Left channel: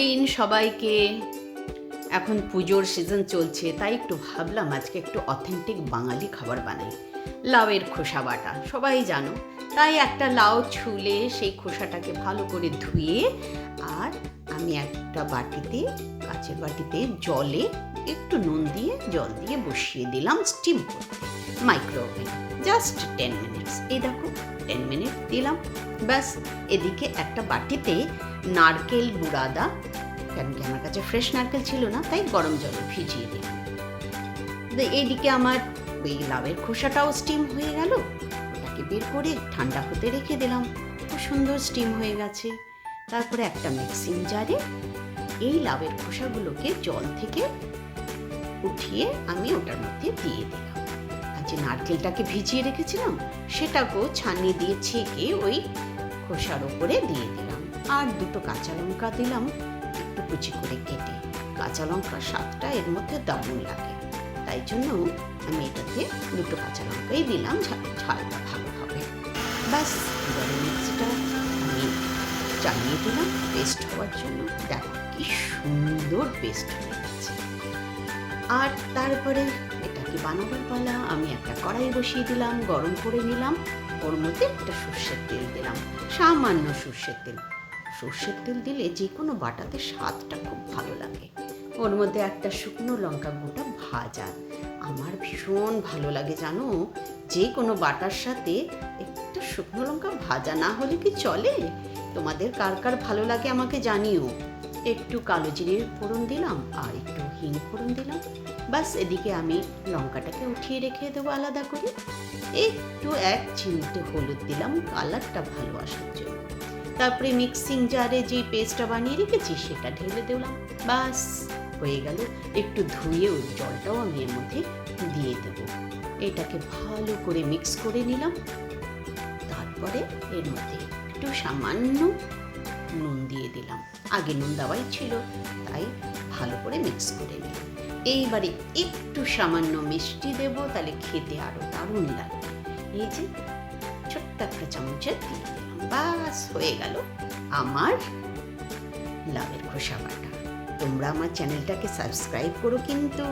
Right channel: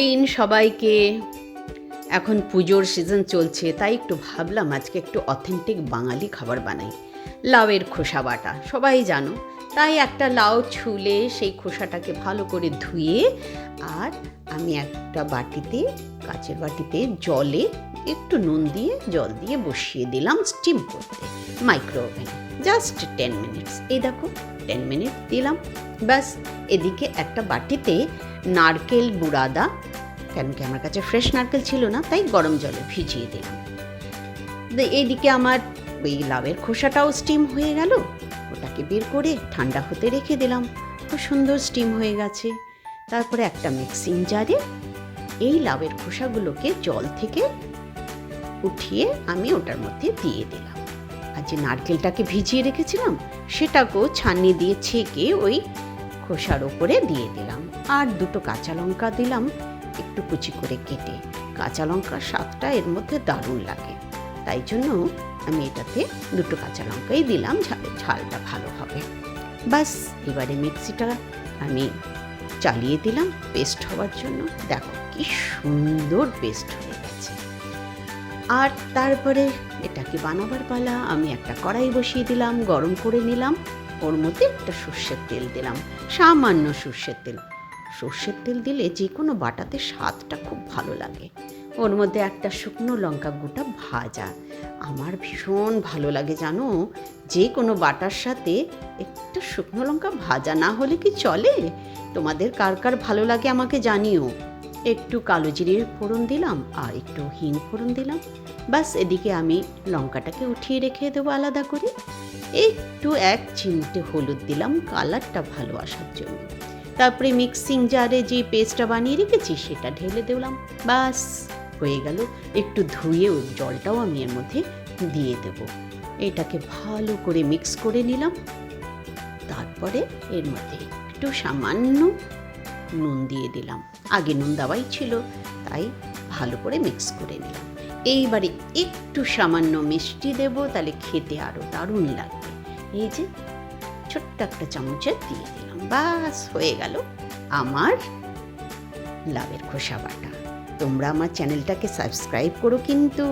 দিন সবাইকে। এখন পুজোর সিজন চলছে, তাই একটু ভাবলাম আজকে একটু অথেন্টিক বাঙালি খাবার বানাই। লাউয়ের খোসা বাটা সবাই জানো, তাই একটা লাউ ছুলে সেই খোসাটাকে ভালো করে ধুয়ে আর আমি একটা বাটিতে, কাচের বাটিতে জলে একটু নুন দিয়ে জল দিয়ে বসিয়ে দিলাম স্টিম করতে মাইক্রো ওভেনে, জাস্ট 10 মিনিটস। এই দেখো 10 মিনিট দিলাম, ব্যাস। এদিকে একটা বাটিতে নারকেল বুড়াদা, কেন কি আমার কাছে ফ্রেশ নারকেল ছিল না, তাই গরম জলে ভিজিয়ে দিলাম। এইদিকে আমার ওই লাউয়ের খোসাটাও স্টিম হয়ে গেল, ওটাকে বের করে ঠান্ডা হতে রেখে দিলাম। খুব সুন্দর স্টিম হয়ে গেছে। তারপরে একটা মিক্সিং জারে এই লাউয়ের খোসাগুলোকে জল থেকে উঠিয়ে আমি ওটার মধ্যে দিয়ে দিলাম। আর যে নারকেলটাকে ভিজিয়ে রেখেছিলাম সেটাকেও ছাঁকনি দিয়ে ছেঁকে ওই খোসার ওপরে দিয়ে দিলাম। আর দুটো কাঁচা লঙ্কা দিলাম একটু কুচি করে কেটে। কাঁচা লঙ্কার স্বাদটা এর মধ্যে দারুণ লাগে, তাই জন্য আমি এটাতে দুটো কাঁচা লঙ্কাই দিলাম, ঝালটা ভালো হবে। ব্যাস, এবারে মিক্সিটা আমি চালিয়ে দিলাম পেস্ট হওয়ার জন্য। দেখো কি সুন্দর পেস্ট হয়ে গেছে। আর তারপরে এটাকে বানাবার পালা। আমি একটা কড়াই বসিয়ে দিলাম, গরম করে নিলাম। ওর মধ্যে একটা সর্ষের তেল দিলাম, সামান্য সর্ষের তেল। সর্ষের তেল দিলে যে কোনো বাটাতে স্বাদটা খুব ভালো লাগে। ওর মধ্যে একটা শুকনো লঙ্কা গোটা ভাজা, আমার ভীষণ ভালো লাগে জানো। যে কোনো বাটার সাথে একটা শুকনো লঙ্কা ভাজা না হলে কি চলে? তোমাদের কার কার ভালো লাগে আমাকে জানিও। একটু কালো জিরের ফোড়ন দিলাম আর একটু হিং ফোড়ন দিলাম। বাস, এদিকে আমি লঙ্কাটাকে উঠিয়ে রেখে দেবো আলাদা করে। একটু এক চিমটে হলুদ দিলাম কালারটা ভালো আসার জন্য। তারপরে মিক্সিং জারে যে পেস্টটা বানিয়ে রেখেছি সেটা ঢেলে দিলাম। বাস, হয়ে গেল। একটু ধুয়ে ওই জলটাও আমি এর মধ্যে দিয়ে দেবো। এটাকে ভালো করে মিক্স করে নিলাম। তারপরে এর মধ্যে একটু সামান্য নুন দিয়ে দিলাম, আগে নুন দেওয়াই ছিল, তাই ভালো করে মিক্স করে নিলাম। এইবারে একটু সামান্য মিষ্টি দেবো, তাহলে খেতে আরও দারুণ লাগবে। এই যে ছোট্ট একটা চামচে দিয়ে দিলাম। বাস, হয়ে গেল আমার লাউয়ের খোসা বাটা। তোমরা আমার চ্যানেলটাকে সাবস্ক্রাইব করো কিন্তু।